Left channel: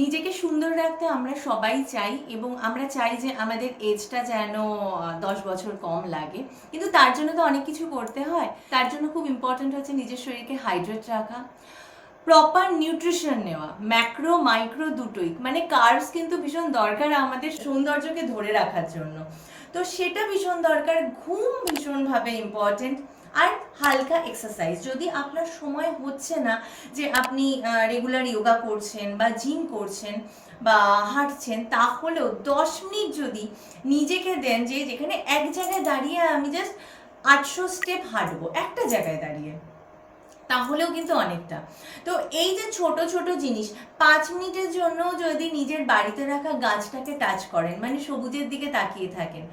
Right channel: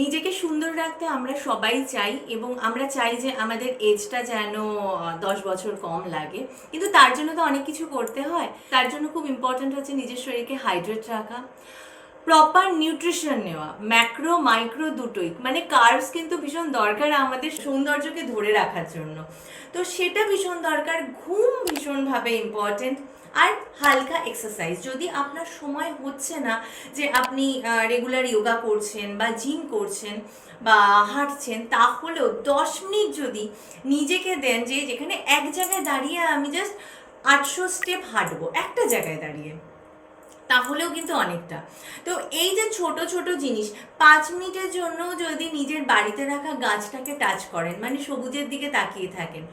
নিজেকে সুন্দর রাখতে আমরা সবাই চাই এবং আমরা চাই যে আমাদের এজটা যেন 10 বছর কম লাগে, কিন্তু তার জন্য তো অনেক কিছু করতে হয়। তার জন্য খুব ইম্পর্ট্যান্ট হচ্ছে নিজের শরীরকে হাইড্রেট রাখা, প্রপার নিউট্রিশন নেওয়া, ম্যাক্রো মাইক্রো দুটোই, মানে কার্বস কিন্তু ভীষণ দরকার আমাদের সৌন্দর্যকে ধরে রাখার জন্য, তো সেটা ভীষণ দরকার। ঘুম ভীষণভাবে ইম্পর্টেন্ট, আর হালকা এক্সারসাইজ। যদি আপনার সময় হচ্ছে না যে আপনি রেগুলার যোগা করছেন বা জিম করছেন বা হাঁটছেন, তাহলেও 10 মিনিট যদি নিজেকে দেন, যে যেখানে এক জায়গায় দাঁড়িয়ে আমি জাস্ট 800 স্টেপ হাঁটবো একটা জায়গায় দাঁড়িয়ে, তাহলেও কিন্তু অনেকটা। তো এই যে ছোট ছোট জিনিস, 5 মিনিটের জন্য যদি নিজের বাড়িতে রাখা গাছটাকে টাচ করেন, মানে সবুজের দিকে তাকিয়ে থাকেন,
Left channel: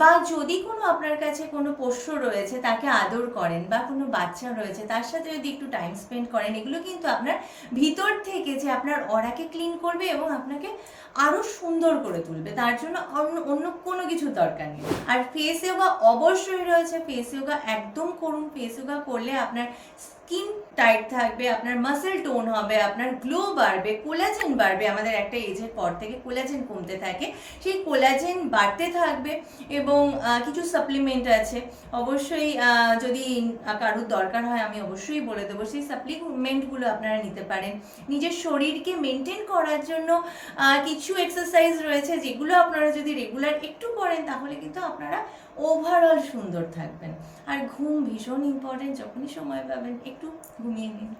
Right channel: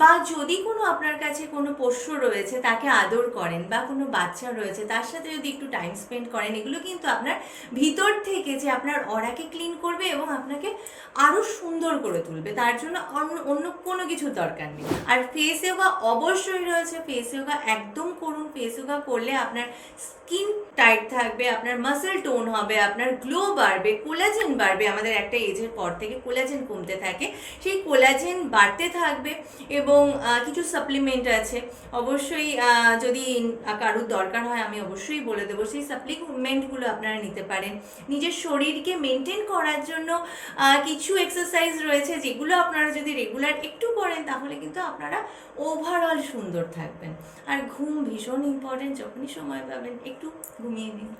বা যদি কোনো আপনার কাছে কোনো পোষ্য রয়েছে তাকে আদর করেন, বা কোনো বাচ্চা রয়েছে তার সাথে যদি একটু টাইম স্পেন্ড করেন, এগুলো কিন্তু আপনার ভিতর থেকে যে আপনার অরাকে ক্লিন করবে এবং আপনাকে আরও সুন্দর করে তুলবে। তার জন্য অন্য অন্য কোনো কিছুর দরকার নেই। আর ফেস যোগা অবশ্যই রয়েছে, ফেস যোগা একদম করুন। ফেস যোগা করলে আপনার স্কিন টাইট থাকবে, আপনার মাসেল টোন হবে, আপনার গ্লো বাড়বে, কোলাজেন বাড়বে। আমাদের একটা এজের পর থেকে কোলাজেন কমতে থাকে, সেই কোলাজেন বাড়তে থাকবে। এবং কিছু সাপ্লিমেন্ট আছে, অবশ্যই যদি কারোর দরকার হয় আমি অবশ্যই বলে দেবো, সেই সাপ্লিমেন্টগুলো আপনারা নিতে পারেন। নিজের শরীরকে মেনটেন করার জন্য কিছু এক্সারসাইজ রয়েছে, যেগুলো আপনারা যদি রেগুলার একটু করেন তাহলে কিন্তু আপনারা ওভারঅল সুন্দর থাকবেন। আর ঘুম ভীষণ ইম্পর্টেন্ট, যখনই সময় পাবেন একটু ঘুমিয়ে নিন।